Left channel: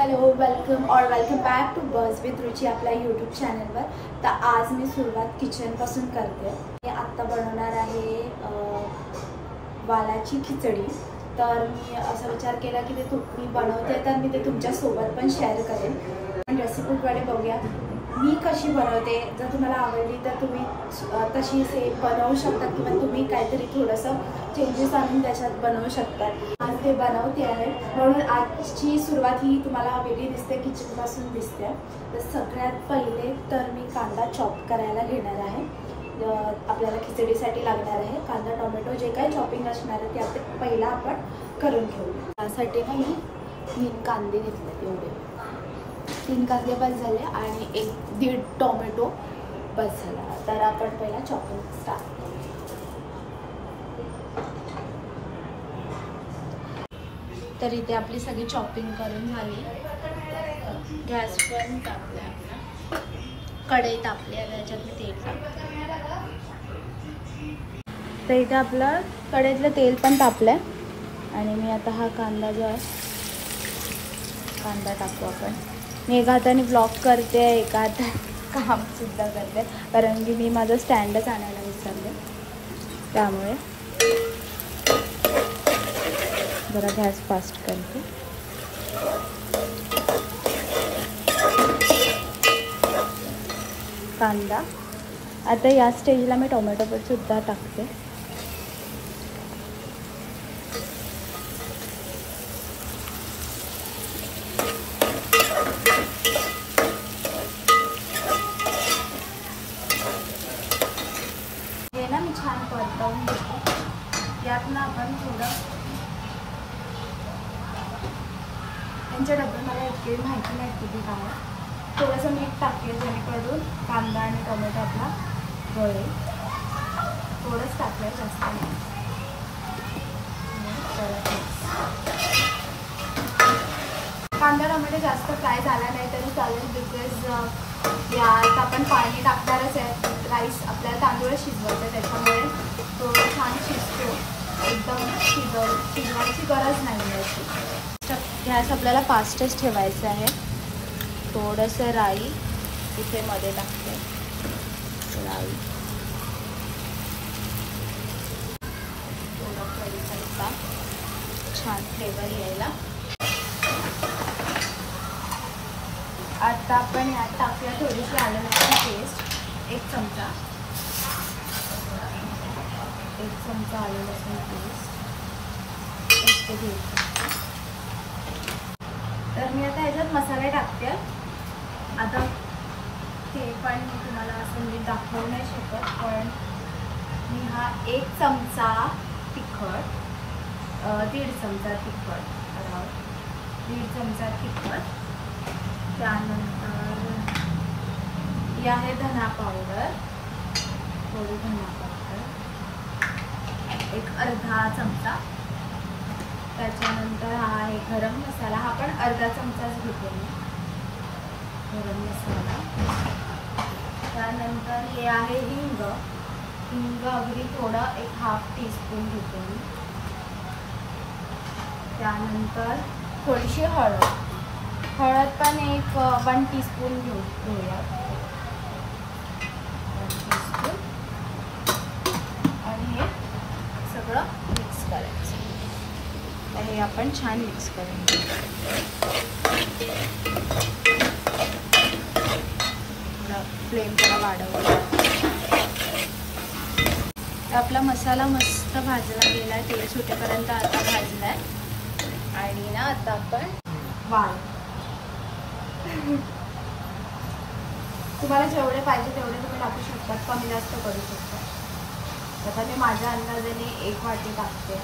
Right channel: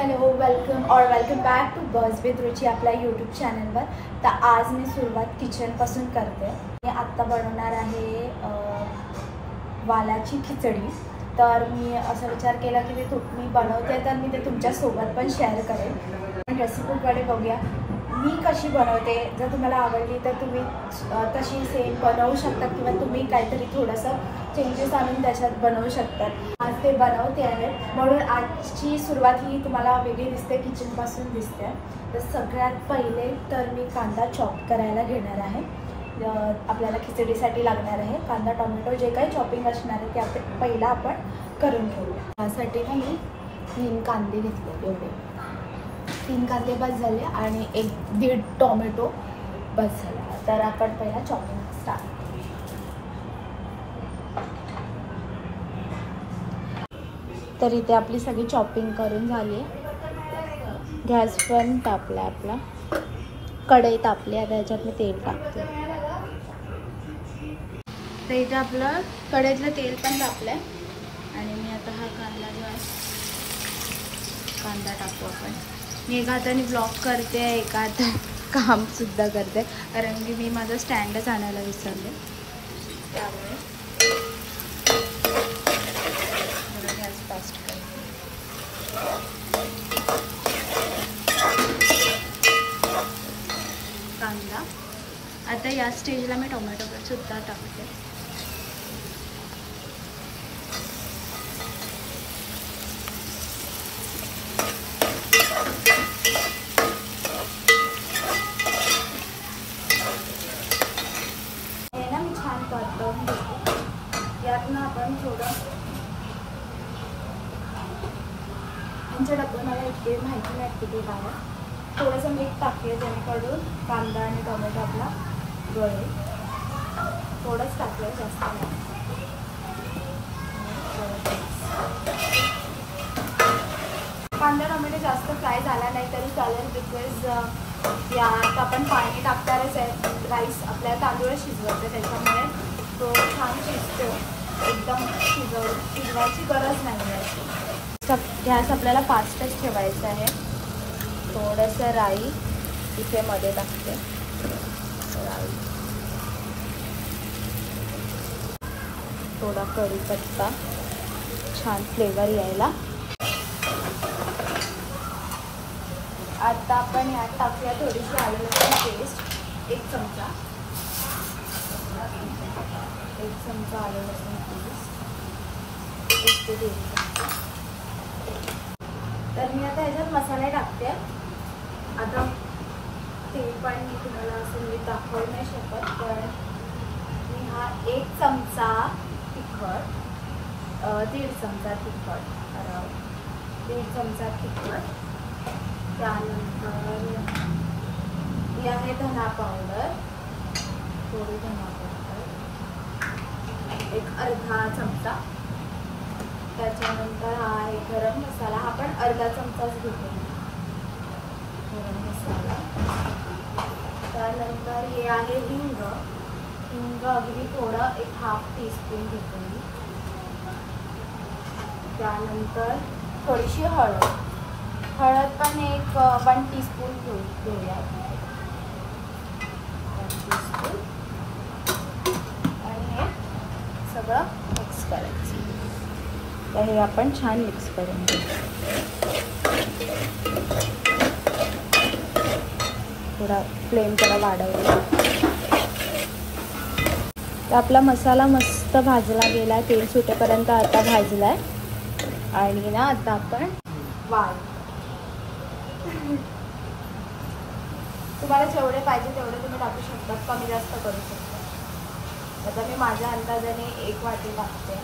Hello welcome back to birds with Ruchi आपल्या YouTube चॅनलवर। तर आज मी सुरुवात किचनपासून करते। मी आत्ता बनवणार आहे वालाची खिचडी। तर मी असा विचार केला की मी बनवते तर मी ते तुमच्यासोबत पण शेअर करेन। रेसिपीकडे बघूया मी कशी बनवते। जर तुम्हाला आवडली तर तुम्ही तशी सेम बनवू शकता किंवा तुम्ही काहीतरी थोडंसं चेंजेस आणून त्याच्यात बनवू शकता। आज ते बनवते आहे म्हणून आजची सुरुवात ही तुम्हाला वेगळी दिसते, किचनपासून दिसते। तर सगळ्यात पहिले तर मी कांदा चॉप करायला घेणार आहे। आपल्याला खिचडीसाठी लागणार आहे कांदा टोमॅटो जे काही चॉपिंग असणार आहे ते पहिला आपण करून घेऊया। त्यासाठी ना मी 3 कांदे घेतले, एवढे 3 कांदे बस झाले आणि 1-1.5 टोमॅटो बस झाला। तर आपण पहिला चॉपिंग स्टार्ट। तर इथे आपली सगळी चॉपिंग करून झाली। गॅस पण तापला आपला, कढई तापली। आता ह्याच्यात मी तेल टाकते। तर इथे आपलं कढईतलं तेल पण तापलं आणि मी आता हा कांदा जो आहे कांदा टाकू आपण। मी एका हाताने ब्लॉग करते, एका हातात कामसुद्धा करते, कारण की मी माझं स्टँडच आणायला विसरले। त्यामुळे जरा गॅस फास्ट करते। कांदा आता या स्टेजला मी टोमॅटो पण सुद्धा टाकते। हे ना मी छान परतवून घेते। यात ना आपण थोडं यांच्या डब्यात मला इतकी माहिती नाही किती काय, थोडंसं मीठ टाकते जेणेकरून कांदा आणि टोमॅटो आपला गळेल। थोडंच टाकलं, जास्त नाही। कांदा टोमॅटो जास्त फ्राय झाला नाही तरी चालेल, बिकॉज यात आपण पाणी टाकणारच आहे। राईस आपल्याला तांदूळ शिजवायचं, त्याच्यामुळे तो छान शिजतो। एकदम शिजवायची गरज नाही आहे। गॅस आपल्याला फास्टच ठेवायचा आहे। थोडंसं राई इथे मध्ये टाकते, राई, थोडा कढीपत्ता, छान फ्लेवर यायला। आता आपण यात टाकूया थोडीशी आलं लसूण पेस्ट, 1 चमचा आलं लसूण पेस्ट, 1 ते 1.5 चमचा। तर मी आता याच्यात मसाले टाकते। आता ते पण तुम्हाला असं मी दाखवू नाही शकत, पण मी हा 1 चमचा तिखट, 1.5 चमचा तिखट, 1.5 चमचा तिखट। त्यानंतर ही आहे धना पावडर, थोडी धना पावडर, 1 अर्धा चमचा। त्याच्यानंतर हा आहे गरम मसाला, हा पण अर्धा चमचाच घेते मी, गरम मसाला। त्यानंतर हे आहे हिंग, अगदी थोडं 1/2 टीस्पून घेते मी। त्यानंतर थोडीशी हळद पण 1 टीस्पून घेऊया, 1 टीस्पून। आणि हे सगळं मिक्स करायचं। तर हे आपण छान मिक्स करून घेऊ। थोडा फ्लेम जरा वाढवला। तर आपला मसाला मस्त भाजला गेला, तेल सुटेपर्यंत आता भाजलाय। आणि ना आता आपण वाल, तुम्हाला जेवढे पाहिजे तेवढे तुम्ही टाकू शकता, कमी जास्त करू शकता। आता मी माझ्या अंदाजाने 1 वाटी टाकते।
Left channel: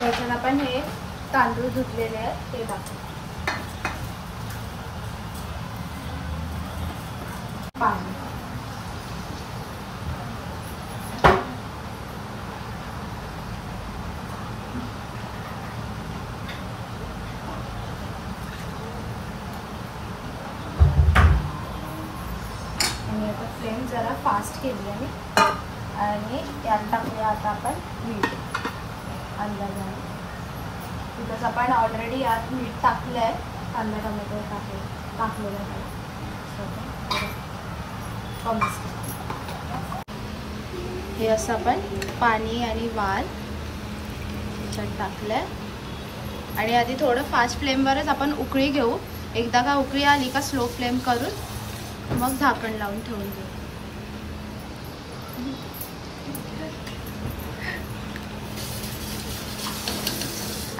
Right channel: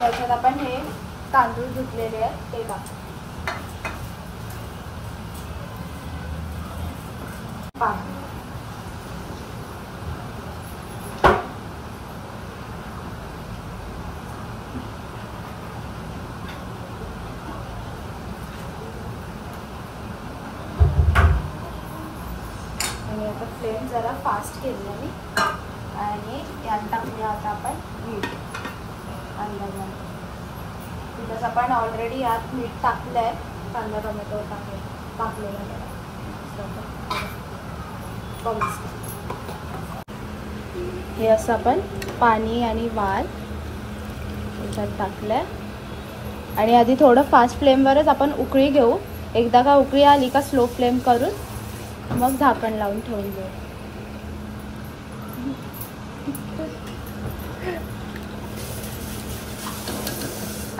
त्याच्यात आपण हे तांदूळ धुतलेले आहेत ते टाकू। पाणी, आणि आता फ्लेम जरा फास्ट केली आहे आणि यात टाकूया आता आपण मीठ अंदाजाने. तिथंच आपण ऑलरेडी यात मीठ टाकलं आहे. कांदा टोमॅटो टाकलेलं आहे. हे असं आपण पाणी आणि वाल याच्यात टाकलंय आणि आधी थोडं फास्ट फ्लेमवरच आपण उकळी घेऊ. एकदा का उकळी आली का स्लो फ्लेम करून मग झाकण लावून ठेवून देऊ.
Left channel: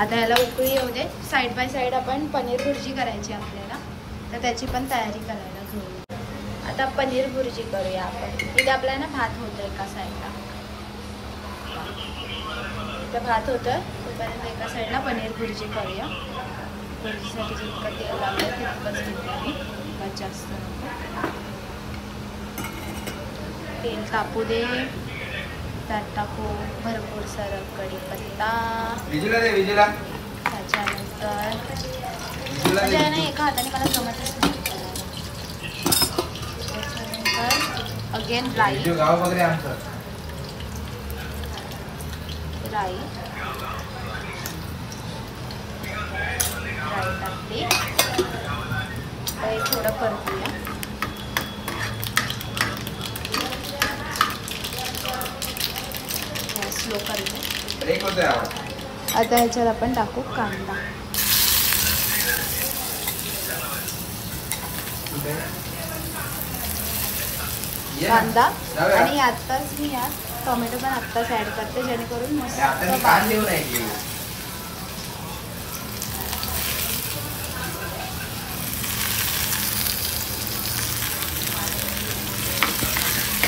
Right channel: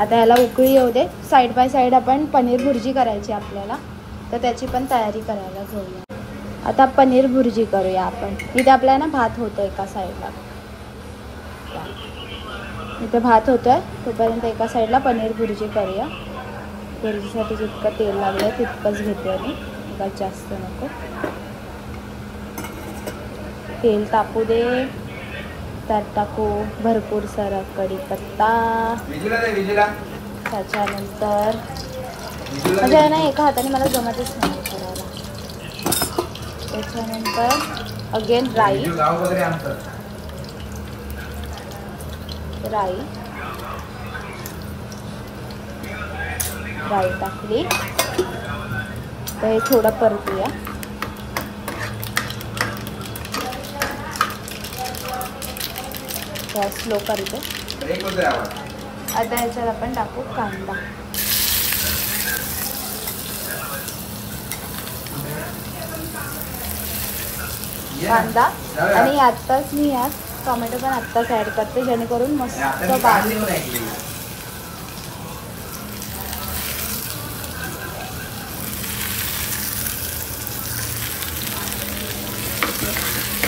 आता याला उकळी येऊ दे. साईड बाय साईड आपण पनीर भुर्जी करायची आपल्याला, तर त्याची पण तयारी करायला घेऊया. आता पनीर भुर्जी करूया आपण. इथे आपल्याला भात होतं एका साईडला, इथे भात होतं तोपर्यंत एका साईडला पनीर भुर्जी करूया. भुर्जीसाठी जितकं तेल लागलं तितकंच घेते मी, बस जास्त नको. तेल तापू दे. त्यात टाकू भरपूर सारा कढीपत्ता. त्याच्यानंतर म्हणजे ना एका हाताने मला जमतच नाही करायला. त्याच्यानंतर अगेन राई टाकली. तर थोडं परतूया. स्लो करते. आता ह्याच्यात आपण टाकू कांदा. आणि आत्ताच मी यात टोमॅटो पण आत्ताच ऍड करते जेणेकरून मस्त बारीक.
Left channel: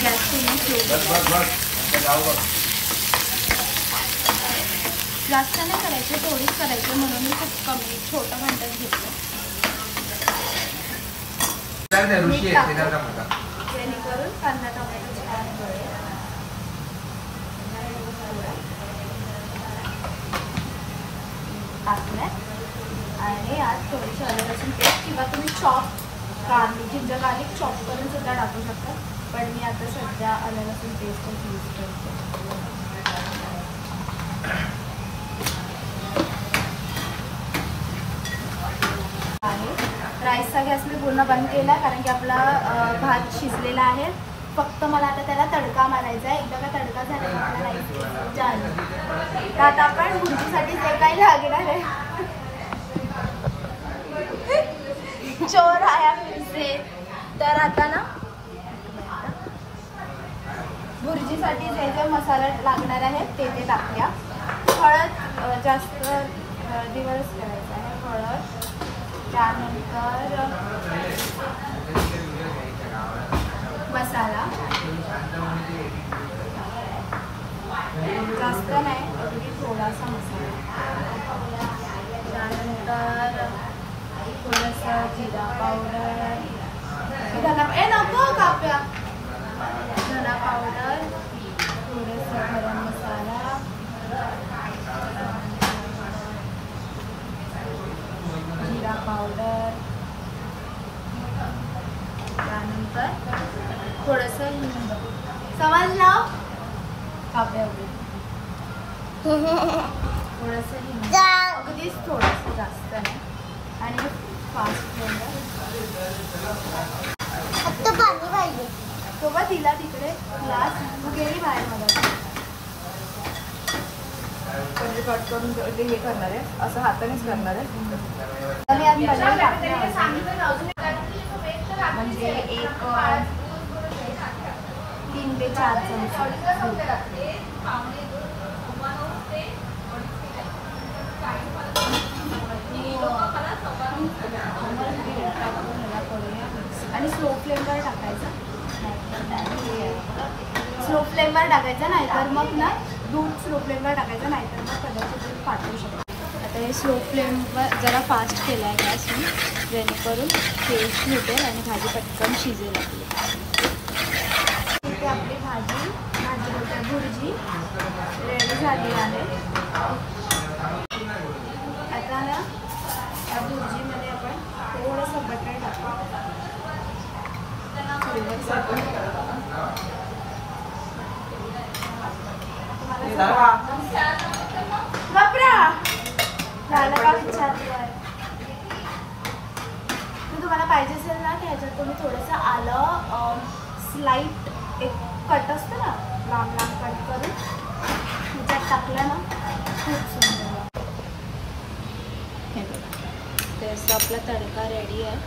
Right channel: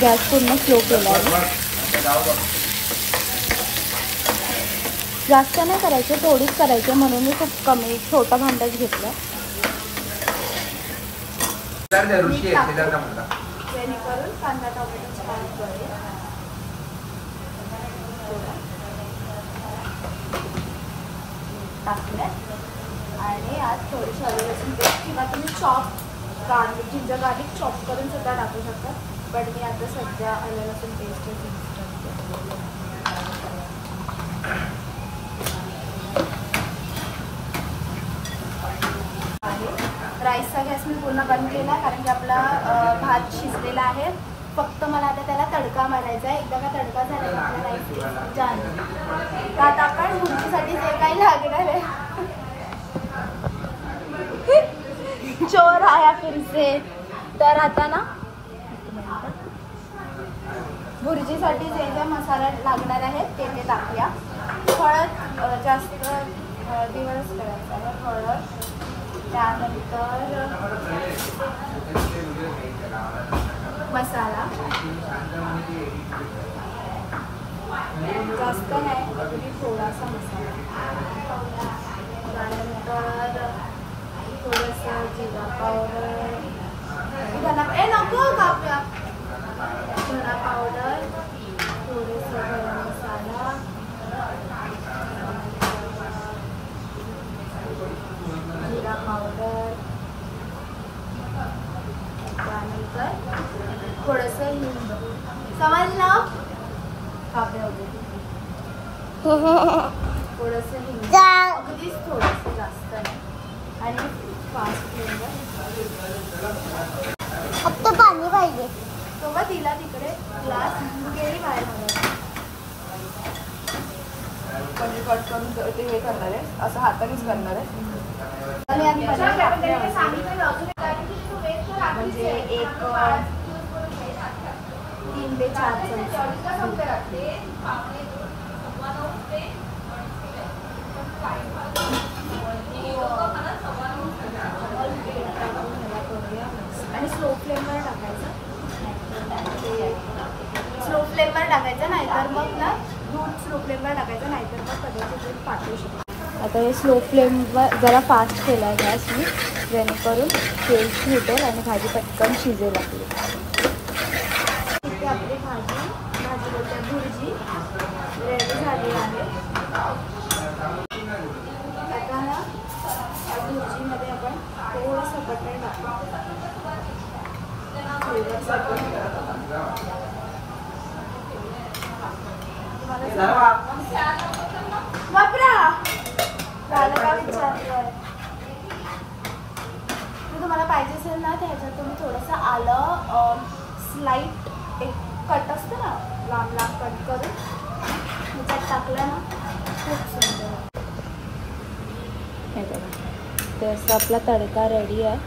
गॅस पूर्ण स्लो केला आहे. जास्त नाही करायचे, थोडीच करायचे म्हणून मी खूप कमी छोटा भांडच घेतलं. जेणेकरून कांदा टोमॅटो छान जळेल. टाकलं आणि आज थोडीशी आलं लसूण पेस्ट किंवा तुम्ही चॉप जिंजर गार्लिक चॉप करून सुद्धा टाकू शकता. पण मी आता सध्या आलं लसूण पेस्टच यूज करते. राईसचा गॅस मी पूर्ण बंद केला कारण की आपला भात शिजलेला आहे. फक्त मला आता त्याला तडका मारायचा आहे. एकदा का तडका झाला की आपला राईस छान. तर आता आपण भुर्जीसाठी जे काही लागणार आहे चोर आया फिर से. तर आता ना भुर्जीसाठी जे जे मसाला लागणार आहे ते टाकूया. हळद जास्त दिवस करायचा आहे. हळद, त्यानंतर मसाला जास्त नाही, अगदी थोडासा मसाला. त्यानंतर थोडंसं जिरा पावडर, धना पावडर, थोडंसं गरम मसाला, जिरा पावडर, त्यानंतर थोडंसं हिंग. समजलं? थोडंसं हिंग, अगदीच थोडंसं, जास्त नाही. आणि फास्ट फ्लेवर. फक्त पाणी पाहिजे. तेव्हा तिला तिकडे ग्लास गेली बाहेर. मला पनीर कट करून ते हे करणार आहे, असं हातानेच करणार आहे. आणि आज पनीर टाकले म्हणजे एक 3 ते 4 चमचे. आणि स्लो फ्लेमवर टाकायचं. स्लो फ्लेमवर टाकायचं, नाहीतर मग ना दूध स्लो फ्लेमवर टाकायचं, नाहीतर मग कदाचित फाटू शकतो. आता हे स्लो फ्लेमवर जरा फास्ट केला आहे गॅस मी, जेणेकरून तेल सुटेल आणि भाजी पटकन शिजेल आपली. इथे आपली भाजी भुर्जी रेडी झाली आहे. आता ना या भुर्जीमध्ये आपण थोडंसं बटर टाकू. झालं का विचारलोय. तुम्हाला पाहिजे असेल ना त्याच्यात तुम्ही थोडंसं आलं स्लाईट एक कट असतं ना लांब लांब कट करून ह्याच्यात टाकलं ना खूप सुंदर. हे बघा ते असं आपला तडका रेडी आहे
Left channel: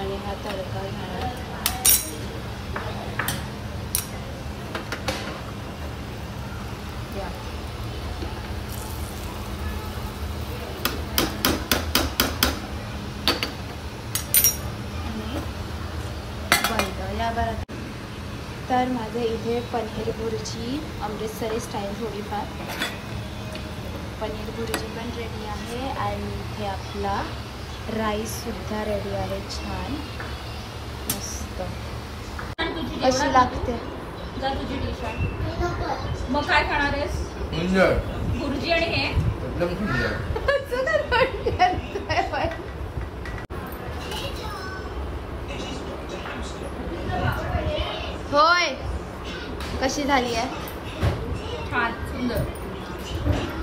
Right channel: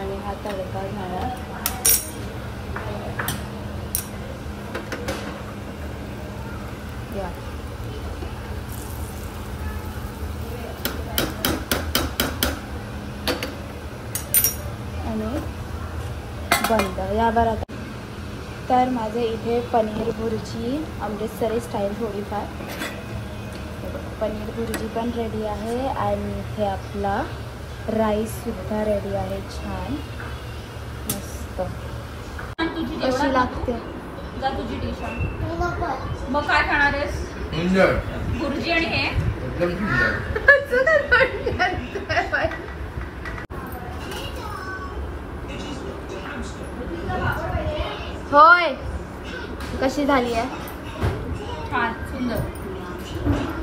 आणि हा तडका घाला. आणि बंद या बरं. तर माझे इथे पनीर भुर्जी अमृतसरी स्टाईल थोडीफार पनीर भुर्जी पण रेडी आहे आणि इथे आपला राईससुद्धा रेडी आहे. छान मस्त. कशी लागते तुझी डिश मग काय खाणार आहेस? भुर्जी आणि हे होय. कशी झाली आहे? छान सुंदर.